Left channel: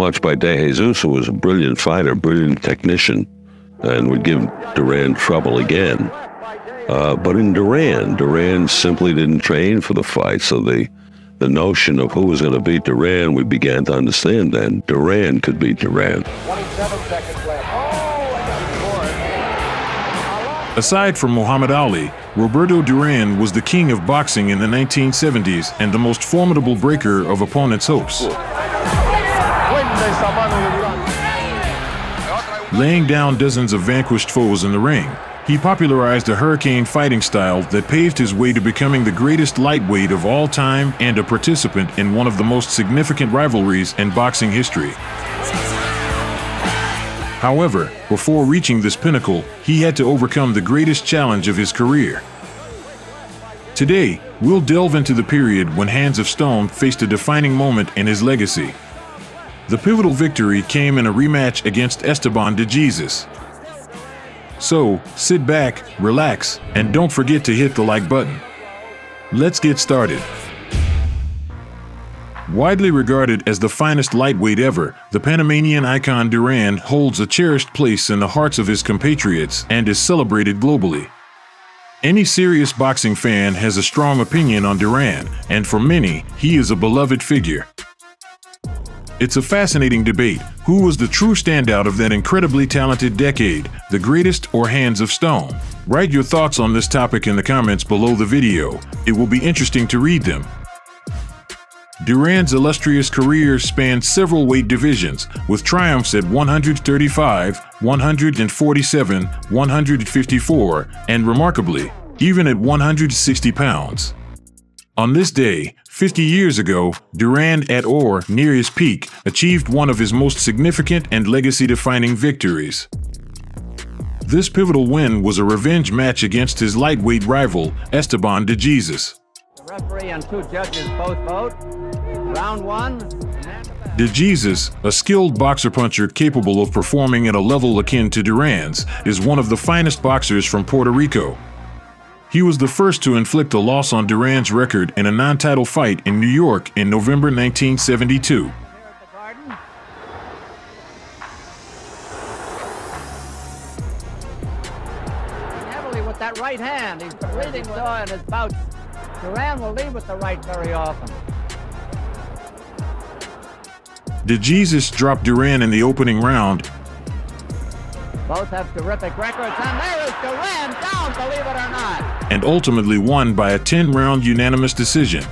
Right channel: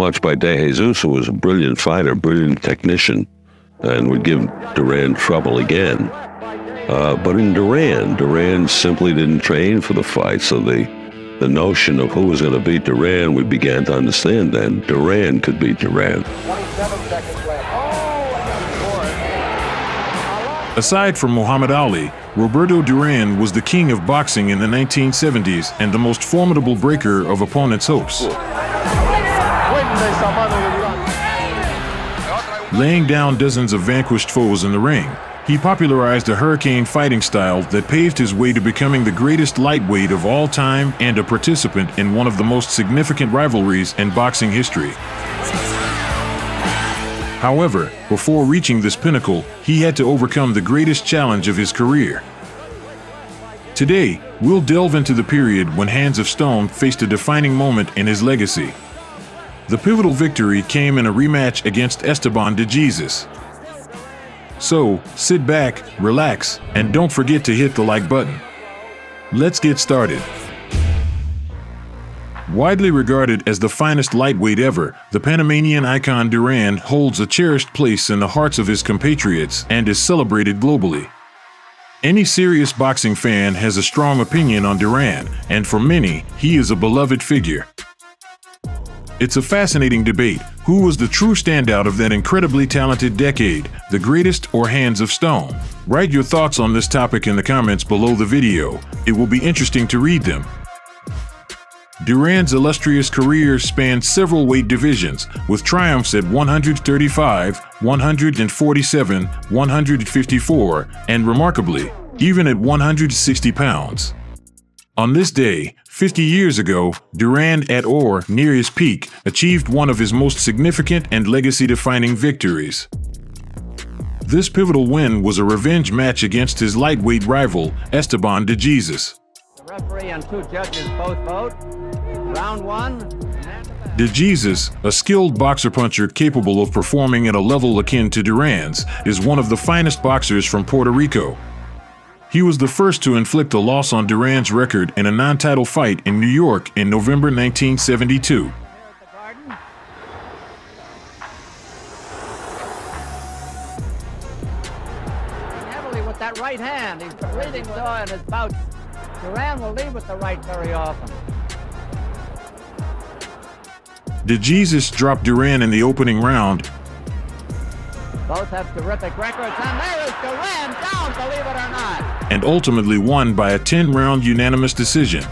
much by De Jesus, who was a brilliant fighter, brilliant technician, and would give Duran trouble again. But in Duran simply didn't train for the fight, so the notion of who was going to beat Duran, we began to understand then. Duran could beat Duran. 27 seconds left. Aside from Muhammad Ali, Roberto Duran was the king of boxing in the 1970s and the most formidable breaker of opponents' hopes. Laying down dozens of vanquished foes in the ring, he popularized a hurricane fighting style that paved his way to becoming the greatest lightweight of all time and a participant in one of the most significant rivalries in boxing history. However, before reaching this pinnacle, he had to overcome the greatest challenge of his career. Today, we'll delve into the period when Hands of Stone faced a defining moment in his legacy. The pivotal victory came in a rematch against Esteban De Jesus. So, sit back, relax, and don't forget to hit the like button. Let's get started. Widely regarded as the finest lightweight ever, the Panamanian icon Duran holds a cherished place in the hearts of his compatriots and is celebrated globally. Any serious boxing fan has a strong opinion on Duran, and for many, he is a beloved figure. It's a fascinating debate. Who was the true standout of that incredibly talented decade, the greatest or Hands of Stone? Write your thoughts on this topic in the comments below the video. It will be interesting to read them. Duran's illustrious career spanned several weight divisions, with triumphs at 135, 147, 154, and remarkably, even at 160 pounds. On this day, 50 years ago, Duran, at or near his peak, achieved one of his most significant and legacy-defining victories. This pivotal win was a revenge match against his lightweight rival, Esteban De Jesus. The referee and two judges both vote. Round one. De Jesus, a skilled boxer-puncher capable of performing at a level akin to Duran's, is one of the finest boxers from Puerto Rico. He was the first to inflict a loss on Duran's record in a non-title fight in New York in November 1972. Heavily with that right hand. He's breathing in his pouch. Duran will lead with the right very often. De Jesus dropped Duran in the opening round. Both have terrific records, and there is Duran down, believe it or not. And ultimately won by a 10-round unanimous decision.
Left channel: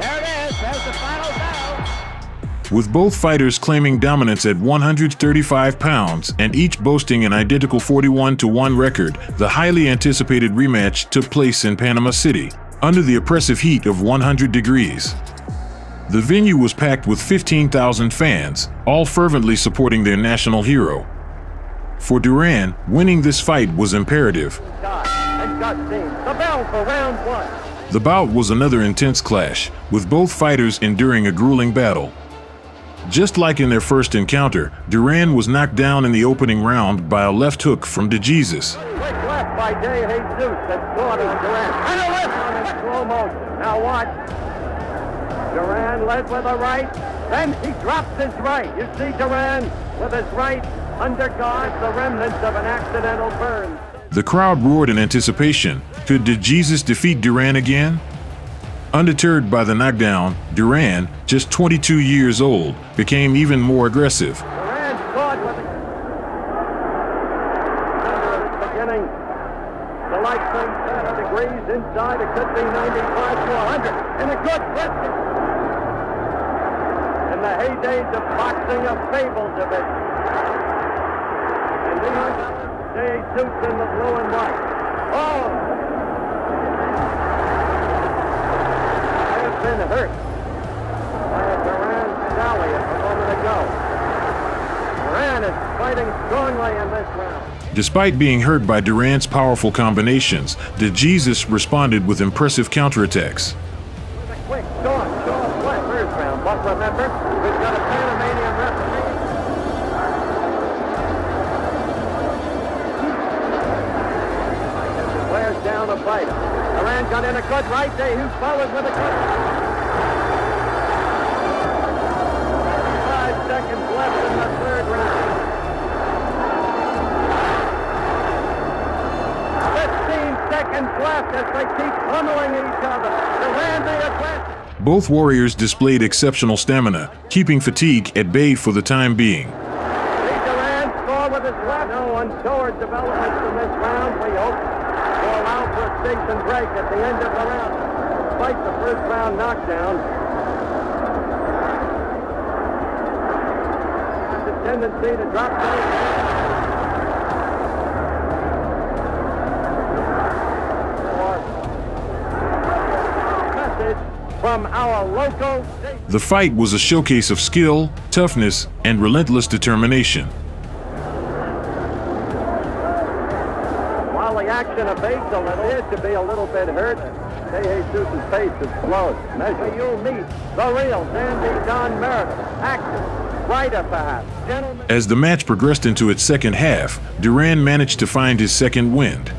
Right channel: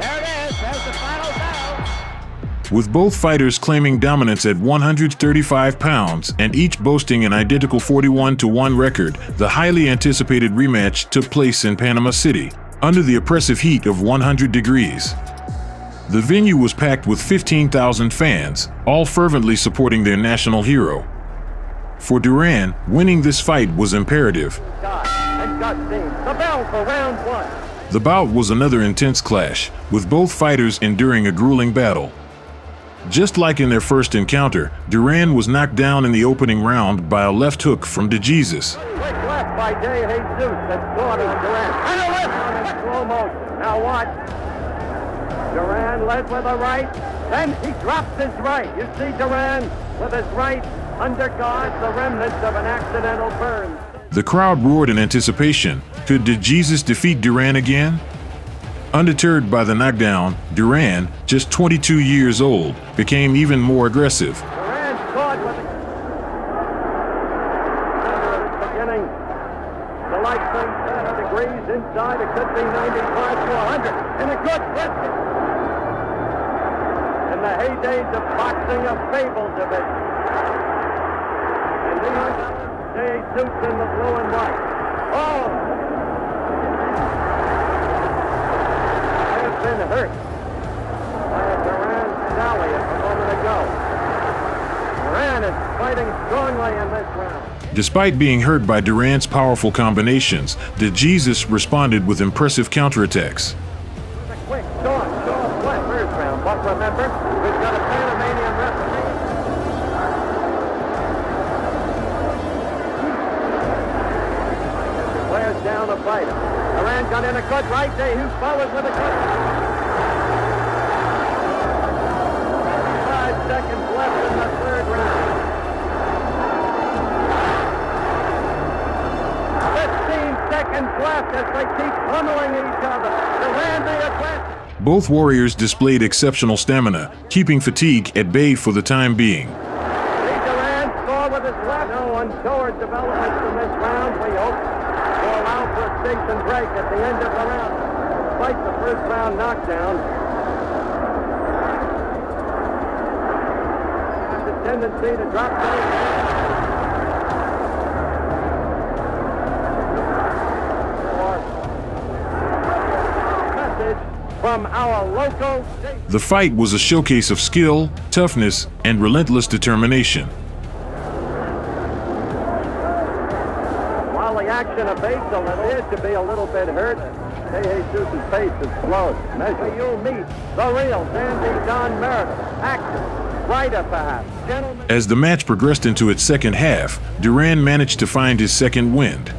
There it is, there's the final bell. With both fighters claiming dominance at 135 pounds and each boasting an identical 41-1 record, the highly anticipated rematch took place in Panama City, under the oppressive heat of 100 degrees. The venue was packed with 15,000 fans, all fervently supporting their national hero. For Duran, winning this fight was imperative. The bout was another intense clash, with both fighters enduring a grueling battle. Just like in their first encounter, Duran was knocked down in the opening round by a left hook from De Jesus. The crowd roared in anticipation. Could De Jesus defeat Duran again? Undeterred by the knockdown, Duran, just 22 years old, became even more aggressive. Despite being hurt by Duran's powerful combinations, De Jesus responded with impressive counterattacks. Both warriors displayed exceptional stamina, keeping fatigue at bay for the time being. The fight was a showcase of skill, toughness, and relentless determination. As the match progressed into its second half, Duran managed to find his second wind.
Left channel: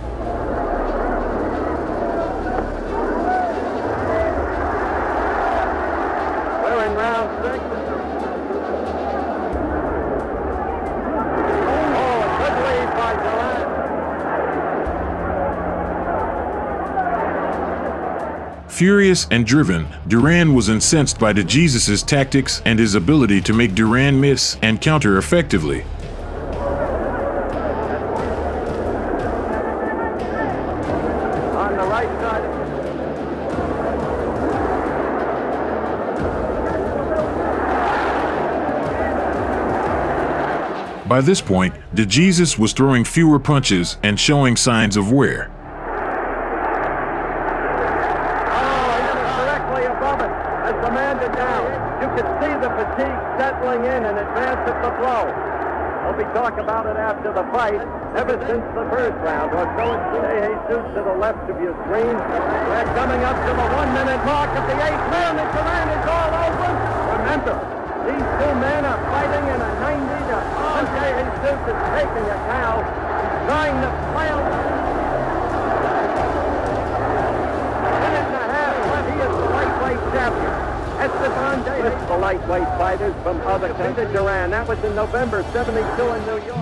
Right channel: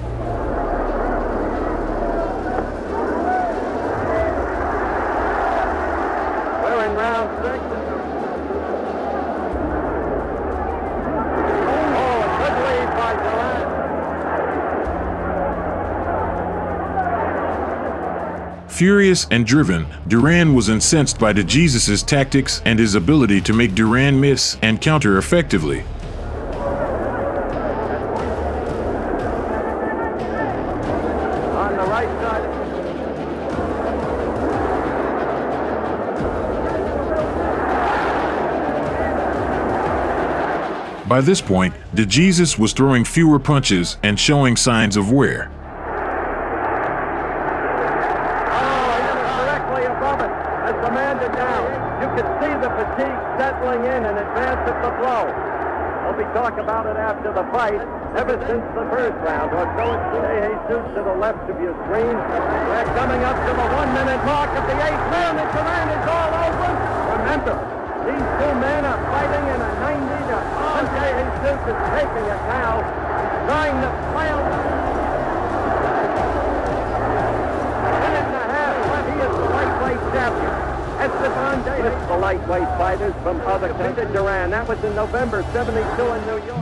Furious and driven, Duran was incensed by De Jesus' tactics and his ability to make Duran miss and counter effectively. By this point, De Jesus was throwing fewer punches and showing signs of wear.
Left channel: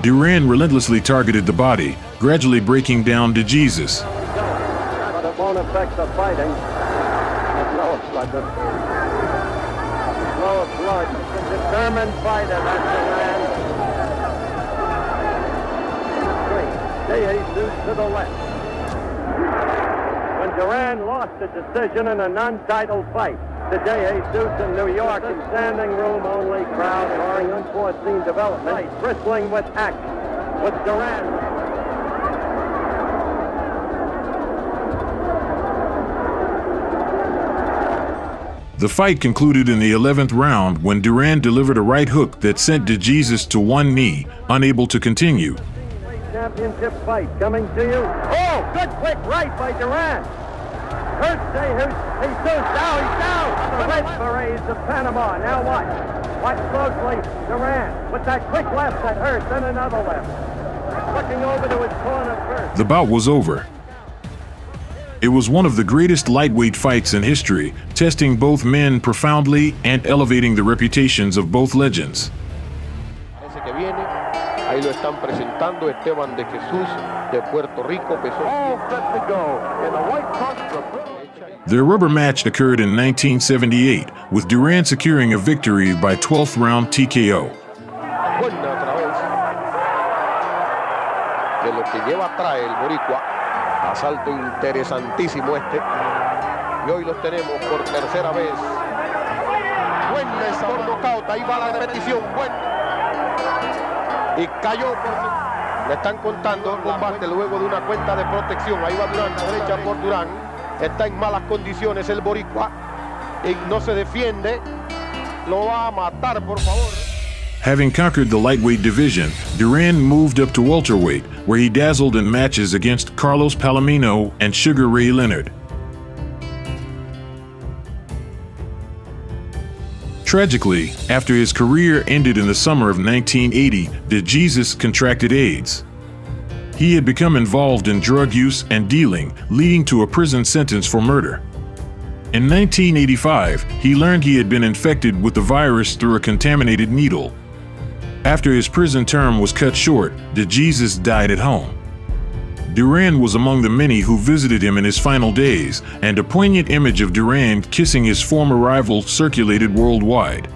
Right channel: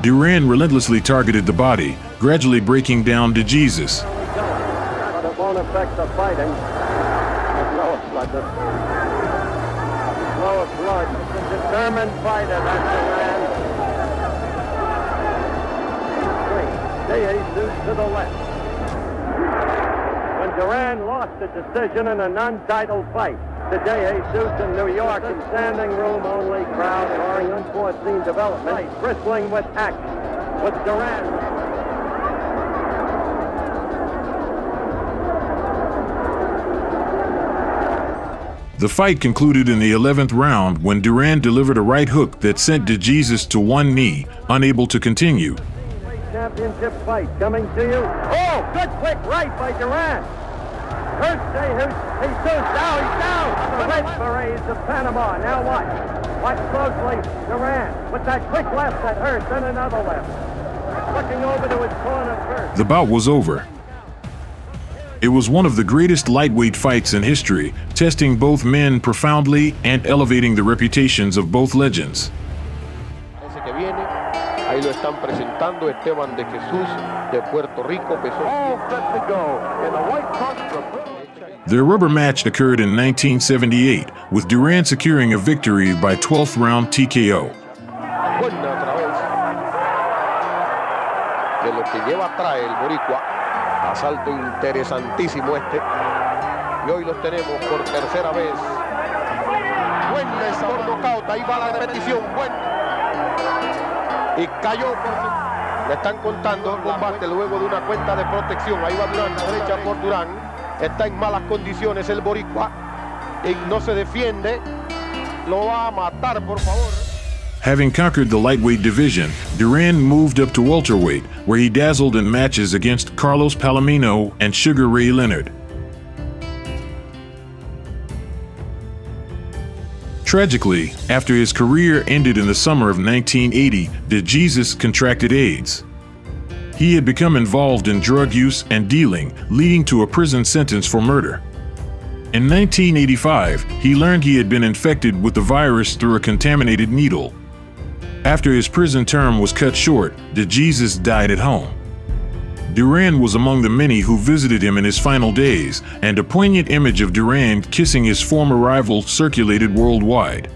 Duran relentlessly targeted the body, gradually breaking down De Jesus. The fight concluded in the 11th round when Duran delivered a right hook that sent De Jesus to one knee, unable to continue. The bout was over. It was one of the greatest lightweight fights in history, testing both men profoundly and elevating the reputations of both legends. Ahí lo están presentando Esteban De Jesus de Puerto Rico, pesó. Their rubber match occurred in 1978, with Duran securing a victory by 12th round TKO. Buena otra vez. De lo que lleva atrás el boricua. Asalto interesantísimo este. Y hoy los tenemos por tercera vez. Buena esa por nocaut. Ahí va la repetición. Buena. Y cayó por... Le están contando el combate luego de una cuenta de protección. Ahí va Duran, la derecha por Duran. Está en malas condiciones el boricua. Y no se defiende. Lo va a matar, por favor. Having conquered the lightweight division, Duran moved up to welterweight, where he dazzled in matches against Carlos Palomino and Sugar Ray Leonard. Tragically, after his career ended in the summer of 1980, De Jesus contracted AIDS. He had become involved in drug use and dealing, leading to a prison sentence for murder. In 1985, he learned he had been infected with the virus through a contaminated needle. After his prison term was cut short, De Jesus died at home. Duran was among the many who visited him in his final days, and a poignant image of Duran kissing his former rival circulated worldwide.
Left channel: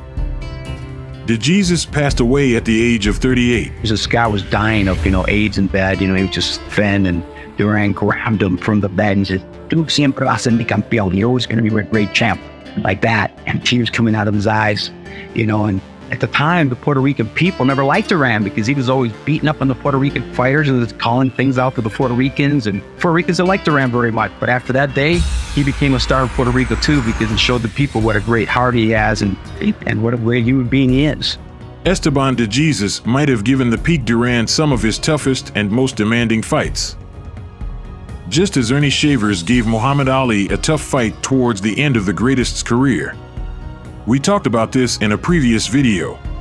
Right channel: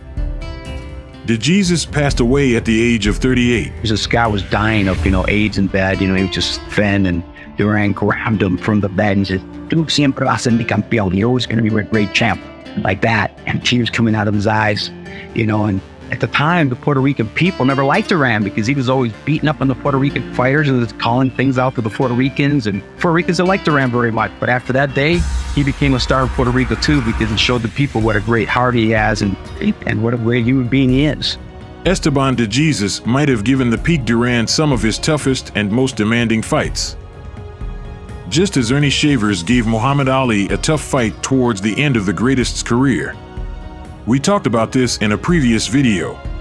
De Jesus passed away at the age of 38. This guy was dying of, AIDS in bed. He was just thin, and Duran grabbed him from the bed and said, "Tú siempre vas a ser mi campeón. You're always going to be a great champ," like that. And tears coming out of his eyes, and at the time, the Puerto Rican people never liked Duran because he was always beating up on the Puerto Rican fighters and was calling things out to the Puerto Ricans. And Puerto Ricans didn't like Duran very much. But after that day, he became a star of Puerto Rico too, because it showed the people what a great heart he has and what a great human being he is. Esteban De Jesus might have given the peak Duran some of his toughest and most demanding fights. Just as Ernie Shavers gave Muhammad Ali a tough fight towards the end of the greatest's career. We talked about this in a previous video.